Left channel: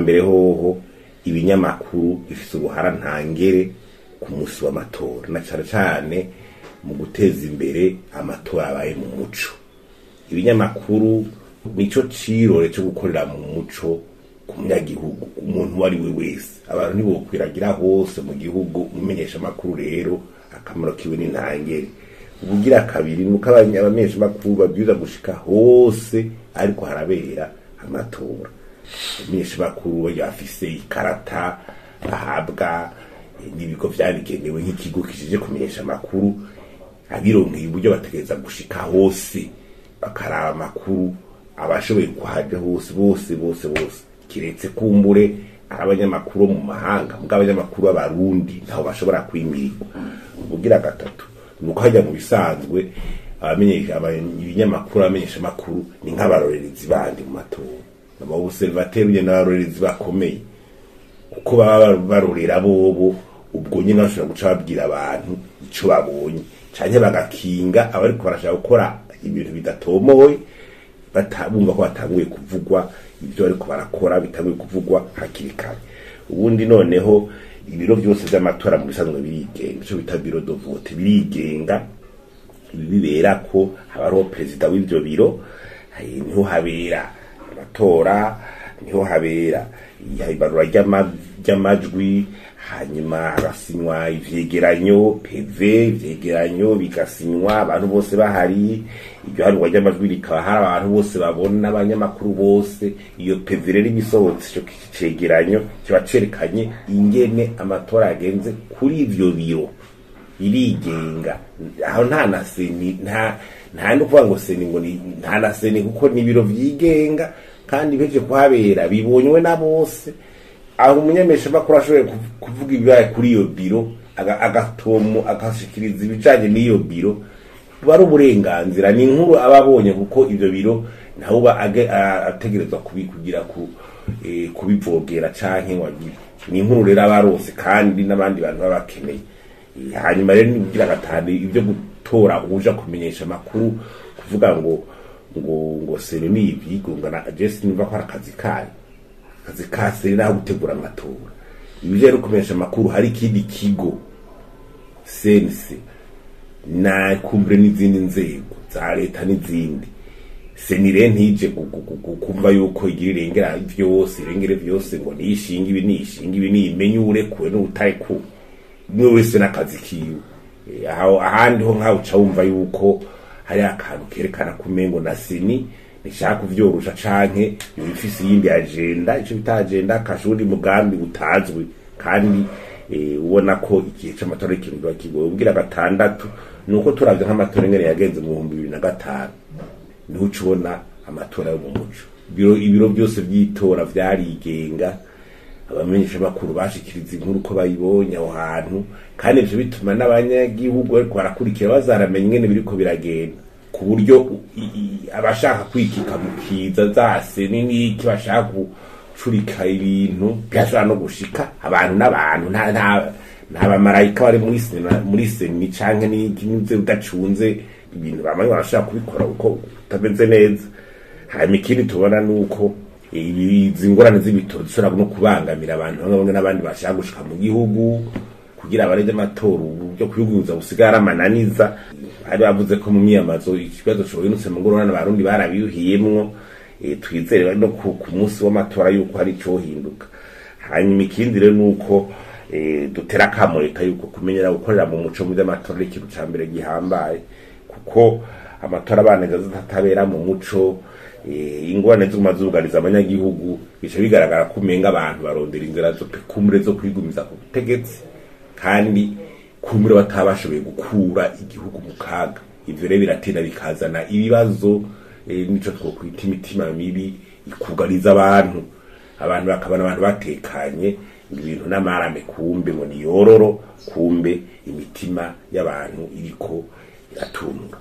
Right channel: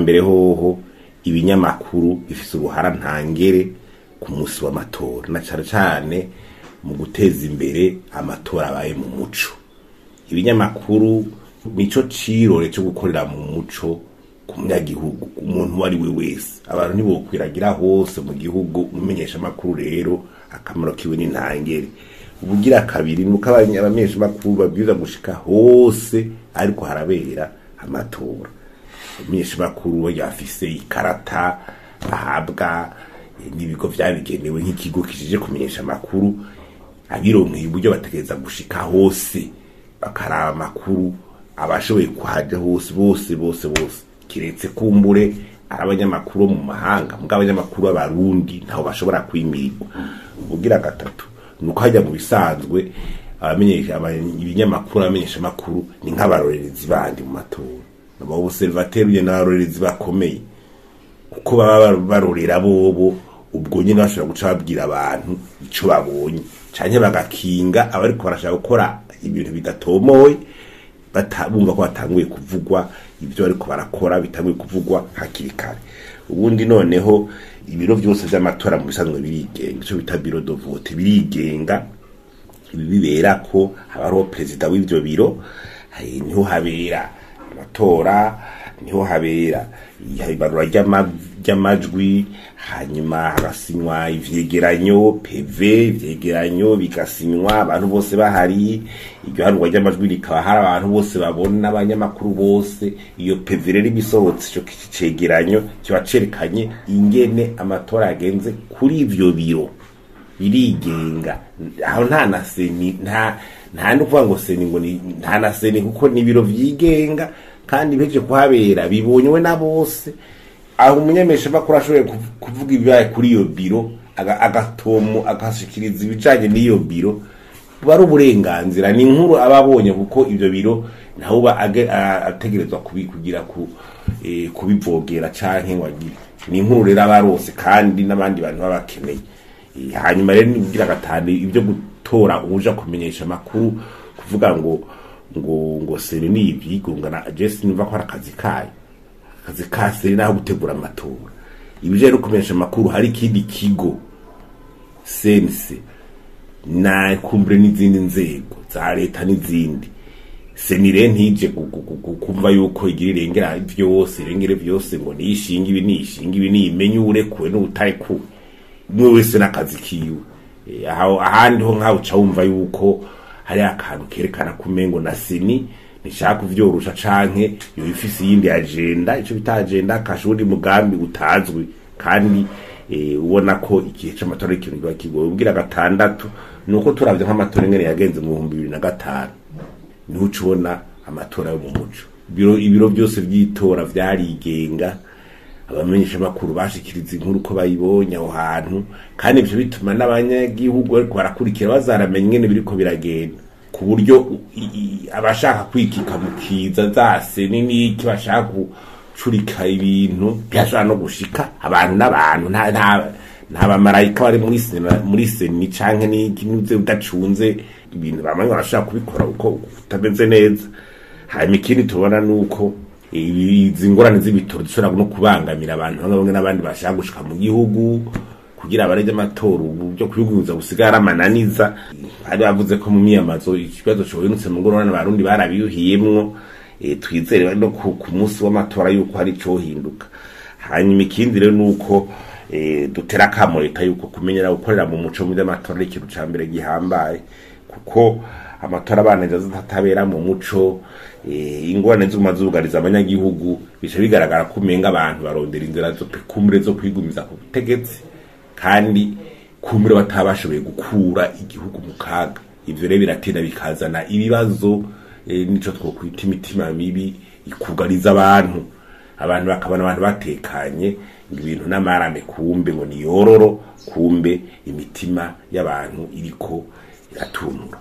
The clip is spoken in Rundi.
ubwambere hoho ibinyamakuru bifise uruhara ntangere ku munsi w'amatora na cyane mu guteza imbere amatora abaye mu muco. Ibinyamakuru nico cirore cyo gukorera mu muco ku munyagihugu, umuntu wari we wese. Abantu nibokwiragira hose mu gihugu, umenyeshamakuru rero akamaro kiwe ni ntangere. Ubugira kabiri nuko abamenyeshamakuru babwiza gushika hose ariko harabera amatora. Umenyeshamakuru yafise ikarata ahabwa n'ibigo vyabigenewe nk'ikigo kijije kumenyesha amakuru, abironkeye uburyo bategereza gushika hose bakaraba amakuru abashoboye kuhaja hose bose kiretse kumbure abanyamakuru mu mahanga, mbwa abanyamakuru b'Abarundi ntaho bashobora kwimirwa. Ubugira gatatu nuko hajya mu bisanzwe ibinyamakuru abamenyesha amakuru ni nk'abarorerezi bandi mu matora, abobservateri n'abarorerezi bakomeye kuko baba barorera bobo, ubwo nyine bashobora guca babwira abantu ico babonye canke bagakinga abariko barashaka gukora ibintu bidatomoye batabumva ko batanguye kuvugwa ibyo ariko barakora bitanguye kuvugwa hakiri kare. Ubundi noneho ibiro byose by'amatora mu bisanzwe birigenga, ico bita biro de vote birigenga. Ibi bibera ko habaro president w'ivyo biro, niho habera amatora, niho habera ibarura ry'amajwi, hanyuma harasinywa ivyegeranyo PV, ivyegeranyo bigasinywa abantu bose bahari, iryo harurwa ry'amajwi rikaba hari abantu bose babona, abanyamakuru bose. Iyo PV rero ibisohotse ico cegeranyo kiba cerekanye ingene amatora yagenze kuri ivyo biro birigenga. Aho nta na CENI, nta nukuvuga ngo CENI ngo nta na CENI kuko ni biro vyigenga kandi beje kuhabera bibonywe na bose. Aho umunyameshamakuru ashoboye kuvuga ibibaye kuri iyo biro agatomo akashikiriza ibijanye n'iyo biro, bari uburenganzira, ni inkuru ababonye kuko ivyo biro naho ategerezwa kugira kubivogera canke wagira. Ni inkuru rero abarose kandi n'abandi bantu babakeneye. Hanyuma rero nibugira gatandi ibyo gutora uja kumenyesha amakuru kuvuga ngo CENI ni ivyigungana just niva ko akazi kase naho gutegura amatora. Ibije rero kumenyesha amakuru hari ikindi kigo CENI na kumbure n'izindi nzego za leta n'izindi. CENI rero ntije kumva yuko igira irengere vyose ngo nishinga ibi nimenyure kuwe n'utari ku niwe wese n'akazi kiwe. Ahandi ho nkaho uca wumva yuko hari akantu kerekana kumengo na CENI nishaka kuvyorusha canke yo ifise yindi agenda, ico bita agenda kashuri mugambi utazwi kandi ubona ko igihe c'amatora ikintu kigoye. Ubwira gatandatu nuko turavye nk'amatora ngene yagenze mu 2005 niho ucubona amatora yo mu muco. Ibiro byose vy'itora vyarigenga, abamenyeshamakuru bashikiriza inkuru ko bayibonye aho hantu, kandi ivyo bituma n'abanyagihugu bariko barakurikira bazaramenya ingene biriko biragenda, ku buryo abashaka kwikika mu kiza za CENI n'iki bashaka gucurika ibintu byashobora no gushika abantu n'abantu. Nta bamarayika bari muri CENI canke n'iki udacunze ibintu bamwe barashaka kubikora uko utameze neza. Hanyuma ikindi tubona nuko izi ngorane z'ibitoro zishobora no kubangamira abantu bamwe n'abandi bashaka gushika mu gihugu kugira abareje amatora byo kwiguza busigara amananiza. Hari bavuze ko mu myamazo ikibazo cyo binutse mu ngorane Abarundi barabiyuhiyemwo, twizere no ku munsi w'amatora yuko hari cyo hinduka. Hanyuma ikindi rero nuko dutera kamo leta yuko kumenyera gukorera mu muco mu by'amatora ikintu ca mbere gihambaye, kuko amatora abaneza zatabera mu muco ingorane z'umazugariza abanyagihugu bice bigaragara kumenga abantu barondera inzira zo kumure zo kwigumiza ku butegetsi kandi kumure batabashoboye gukura igihugu mu kaga. Ivyo rero biratera bikazana ibibazo nico twokwita imitima mibi ikugariza abantu bakabona abantu batekanye ibintu n'amarame kumbe ngo ni yororo, kumbe imitima y'abantu iriko iratunura.